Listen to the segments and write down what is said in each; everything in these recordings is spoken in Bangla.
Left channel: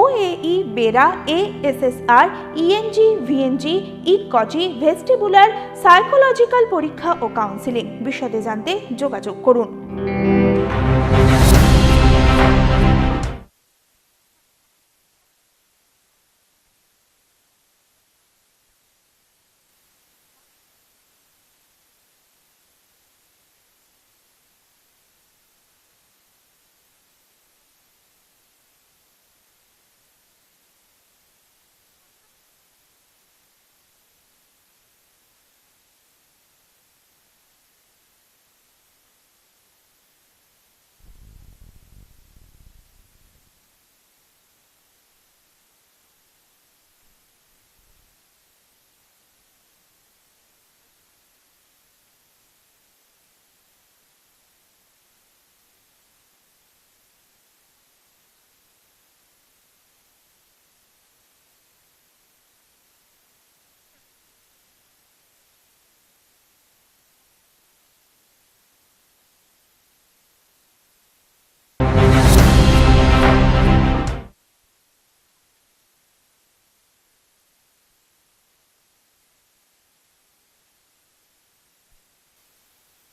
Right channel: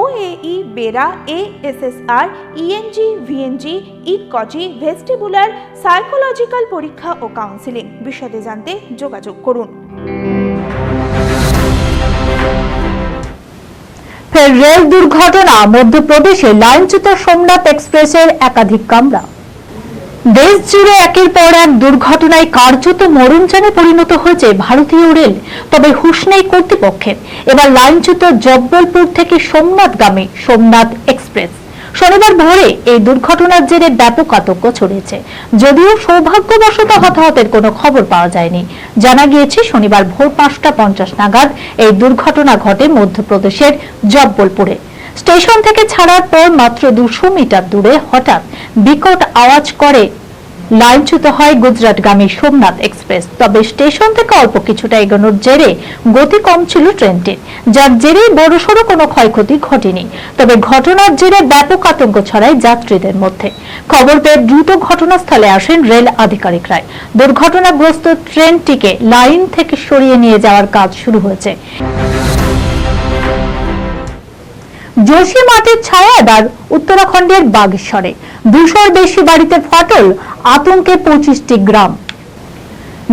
OAE BERA ASSR ENG VNG ইটকজি ভেস্টিবুলার সাইকোলজিক্যাল পরীক্ষা ও কাউন্সিলিং বিশদে জানতে যোগাযোগ করুন। ফের রেল দুর্ঘটনা, মধ্যপ্রদেশে লাইনচ্যুত সোমনাথ এক্সপ্রেসের একাধিক কামরা। দেশ জুড়ে একের পর এক দুর্ঘটনায় কার্যত মরণযানে পরিণত হয়েছে ভারতীয় রেল। তবে হুঁশ নেই কর্তৃপক্ষের। এবার লাইনচ্যুত জব্বলপুর থেকে সোমনাথগামী সোমনাথ এক্সপ্রেস। শনিবার ভোরে এই দুর্ঘটনার জেরে ব্যাপক আতঙ্ক ছড়িয়েছে। যদিও সৌভাগ্যবশত হতাহতের কোনো খবর পাওয়া যায়নি। জানা গিয়েছে, শনিবার ভোর পাঁচটা পঞ্চাশ নাগাদ এই দুর্ঘটনা ঘটে মধ্যপ্রদেশের জব্বলপুরে। স্টেশন থেকে ছাড়ার পর মাত্র দুশো মিটার দূরে হঠাৎ বিকট আওয়াজ করে। লাইনচ্যুত হয় গুজরাটগামী সোমনাথ এক্সপ্রেস। তবে স্টেশন থেকে অল্প কিছুটা এগোনোর জেরে গতি কম ছিল ট্রেনটির, যার জেরে বড়সড় কোনো ক্ষয়ক্ষতি ঘটেনি। তবে ঘটনার জেরে ব্যাপক আতঙ্ক ছড়ায় যাত্রীদের মধ্যে। খবর পেয়ে দ্রুত ঘটনাস্থলে আসেন রেল আধিকারিকরা দুর্ঘটনাগ্রস্ত ট্রেনটিকে লাইন থেকে সরিয়ে নিয়ে যাওয়ার কাজ শুরু হয়েছে। যোশী মাটির ছায়া এবার উত্তরাখণ্ডের বাগেশ্বরে। দুশোর বেশি বাড়িতে ফাটল, আতঙ্কে পঁচিশটি গ্রাম।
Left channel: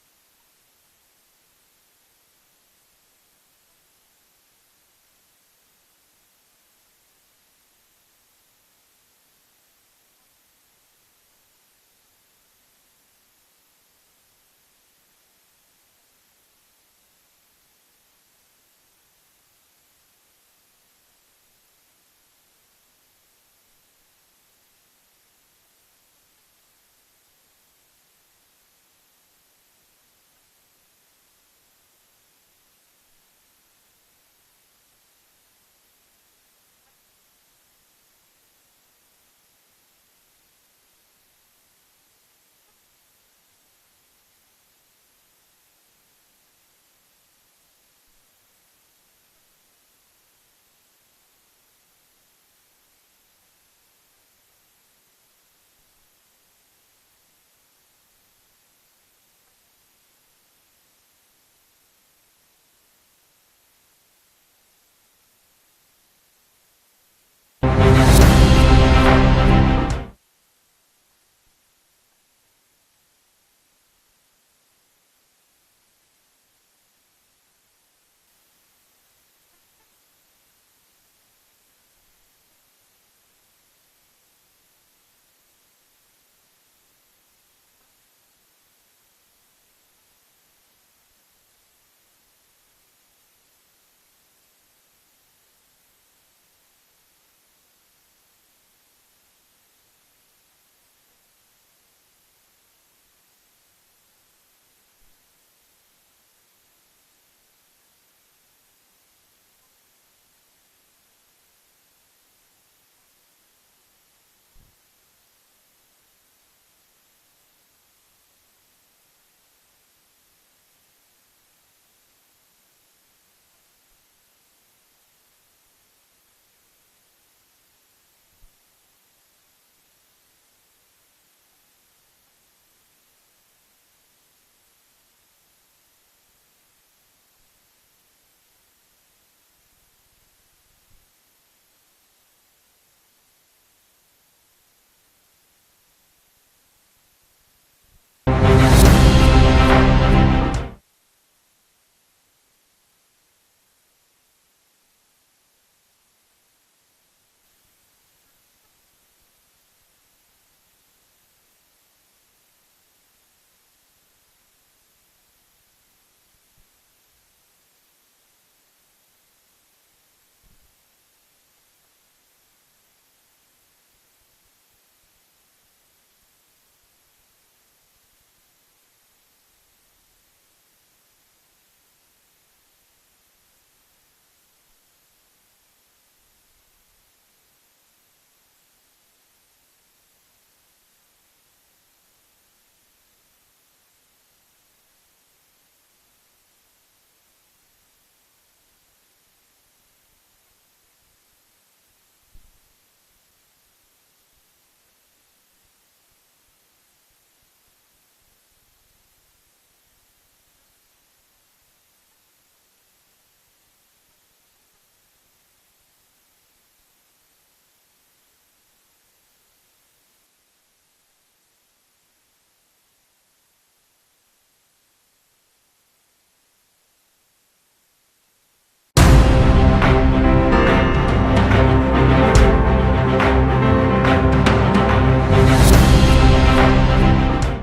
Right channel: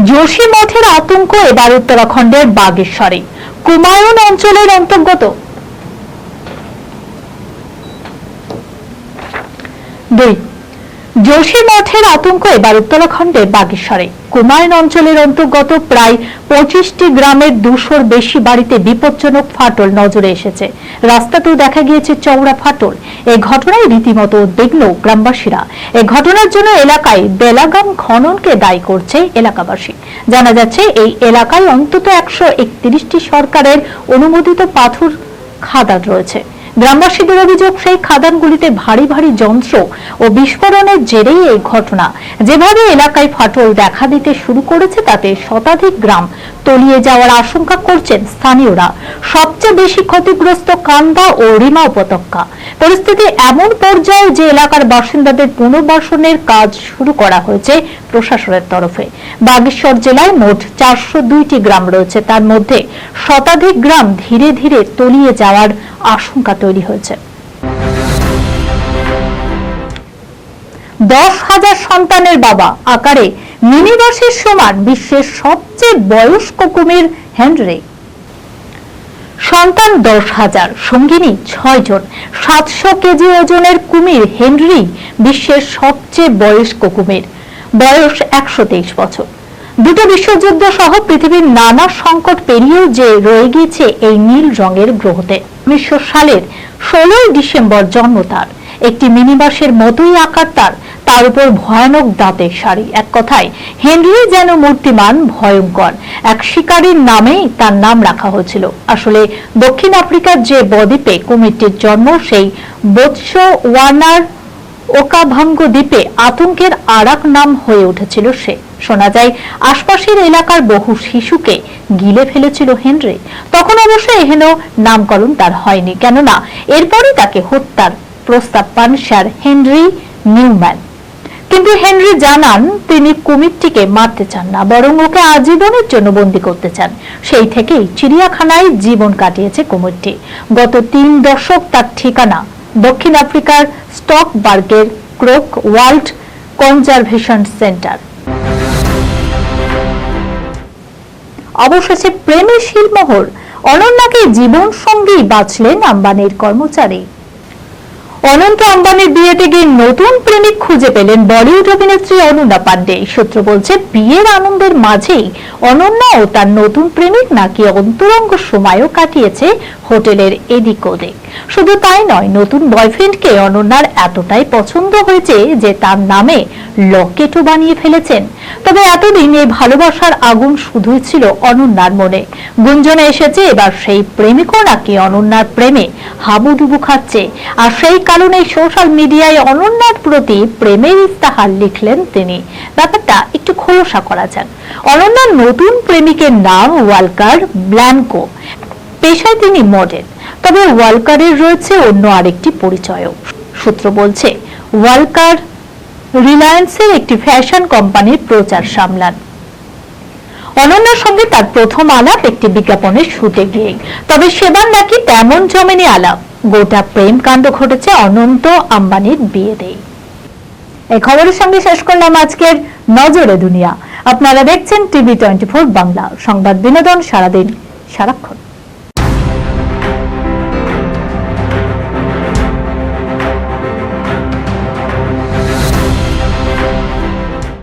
যোশী মঠের আতঙ্ক এবার উত্তরাখণ্ডের বাগেশ্বরে। কুমায়ুন অঞ্চলের অন্তর্গত। দুই যোশী মঠের আতঙ্ক এবার উত্তরাখণ্ডের বাগেশ্বরে। কুমায়ুন অঞ্চলের অন্তর্গত প্রায় পঁচিশটি গ্রামের দুশোর বেশি বাড়িতে বিপজ্জনক ফাটল নজরে এসেছে। রাস্তাতেও দেখা গিয়েছে চওড়া ফাটল। এই ঘটনায় রীতিমতো উদ্বিগ্ন গ্রামবাসীরা। এই ঘটনার জন্য এলাকায় বেলাগাম খননকে দায়ী করছে এলাকাবাসী। জানা যাচ্ছে, এই এলাকায় অন্তত একশো সরকারের অনুমোদিত পাথর খাদান রয়েছে। গ্রামবাসীদের অভিযোগ, সেই খাদানগুলিতে ভারী ভারী যন্ত্র ও বিস্ফোরণের জেরেই এই ঘটনা। যেভাবে এলাকায় ফাটল দেখা দিতে শুরু করেছে, তাতে শতাধিক গ্রাম তলিয়ে যাওয়ার আশঙ্কা করছেন স্থানীয়রা। সবচেয়ে বেশি ক্ষতিগ্রস্ত কান্দা ও রিমা উপত্যকা। পরিস্থিতি এমন পর্যায়ে যে এলাকার বাসিন্দাদের পুনর্বাসনের কাজ শুরু করা হয়েছে প্রশাসনের তরফে। বাগেশ্বর জেলায় মোট চারশো দুইটি গ্রাম রয়েছে। তার মধ্যে শতাধিক গ্রাম ধীরে ধীরে তলিয়ে যাওয়ার আশঙ্কা তৈরি হয়েছে। দশ হাজার সন্তানের বাবা আকারে মিনিবাসের সমান বিশ্বের সবচেয়ে বয়স্ক কুমির হেনরি। সন্তান দশ হাজার, সঙ্গিনী ছয় জন, সাতশো কেজি ওজনের কুমির হেনরি বিশ্বের সবচেয়ে বয়স্ক কুমির। বয়স একশো তেইশ বছর। দুটো বিশ্বযুদ্ধ সহ পৃথিবীর নানা সংকট পেরিয়েও যে রয়ে গিয়েছে এই নীল রঙের গ্রহতে। উনিশশো সালের ষোলোই ডিসেম্বর জন্ম তার। একটি মিনিবাসের মতোই আকার তার। তার উপর ভয়ানক দাঁতের শাড়ি এক কথায়, হেনরি যেন মূর্তিমান, ভয়ঙ্কর। এক শিকারীর নামেই তার নাম রাখা হয়েছিল। আসলে দক্ষিণ আফ্রিকার যে বদ্বীপে কুমিরটির জন্ম, সেই বোৎস ওয়ানার ওকাভাঙ্গ দ্বীপে আতঙ্কের আরাক নাম হয়ে উঠেছিল সে। শোনা যায়, আশপাশের এলাকার বহু শিশুকে গিলে ফেলেছিল হেনরি। তখন অবশ্য এহেন নামকরণ তার হয়নি। কেননা, এরপরই তাকে হত্যার প্রস্তাব পান স্যার হেনরি নিউম্যান। কিন্তু হেনরি জানান তিনি কুমিরটিকে মারতে চান না, বরং ওকে আজীবনের জন্য বন্দি করতে চান। সেই থেকেই চিড়িয়াখানায় জীবন কাটিয়েছে কুমিরটি। গত তিন দশক তার ঠিকানা দক্ষিণ আফ্রিকার স্টকবার্গের ক্রোক ওয়ার্ল্ড কনজারভেশন সেন্টার। অবশেষে প্রেমের শিলমোহর অনন্যাকে জীবন সঙ্গী বাঁচলেন আম্বানির কর্মচারী। অনন্ত আম্বানির বিয়েতে গিয়ে নতুন প্রেমিক খুঁজে পেলেন বলিউড অভিনেত্রী অনন্যা পান্ডে। সূত্র বলছে, বিয়ের আনন্দের মাঝেই অনন্যা ও তার নতুন প্রেমিক নাকি অন্তরঙ্গ সময়ও কাটিয়েছে হোটেলের এদিক ওদিক। শুধু তাই নয়, নতুন বয়ফ্রেন্ডকে অনন্যার এতটাই পছন্দ হয়েছে যে তার নামে লকেটও বানিয়ে ফেলেছেন। তবে এতদিন এই ভালোবাসার আগুন শুধুই ছিল অনন্যার মনে। গুঞ্জনে এসেছে, এবার সেই প্রেমিকও নাকি অনন্যার প্রেমে হাবুডুবু খাচ্ছে। আর সেই কারণে সোশ্যাল মিডিয়ায় অনন্যার প্রতি প্রেমের ইস্তাহার লিখলেন তিনি। ব্যাপারটা একটু খোলসা করা যাক। অনন্যার নতুন প্রেমিকের নাম ওয়ালকার ব্ল্যানকো পেশায় তিনি মডেল তবে ওয়ালকারের রয়েছে অন্য আরেকটি পরিচয়ও। সূত্র বলছে, ওয়ালকার রিলায়েন্সের একটি ফ্যাশন কোম্পানির প্রচার সামলান। অনন্যার সঙ্গে তার প্রথম আলাপ একটি বিজ্ঞাপনের শুটে গিয়ে তবে সেবার নাকি তেমন জমেনি আলাপ। গোটা প্রেম কাণ্ড ঘটেছে অনন্ত আম্বানির বিয়েতেই। এই খবরের সঙ্গে শেষ করলাম আজকের নজরে দুনিয়া। আপনারা দেখছেন টিভি টোয়েন্টি ফোর বাংলা। সংবাদ বিনোদন সারাদিন সারাক্ষণ।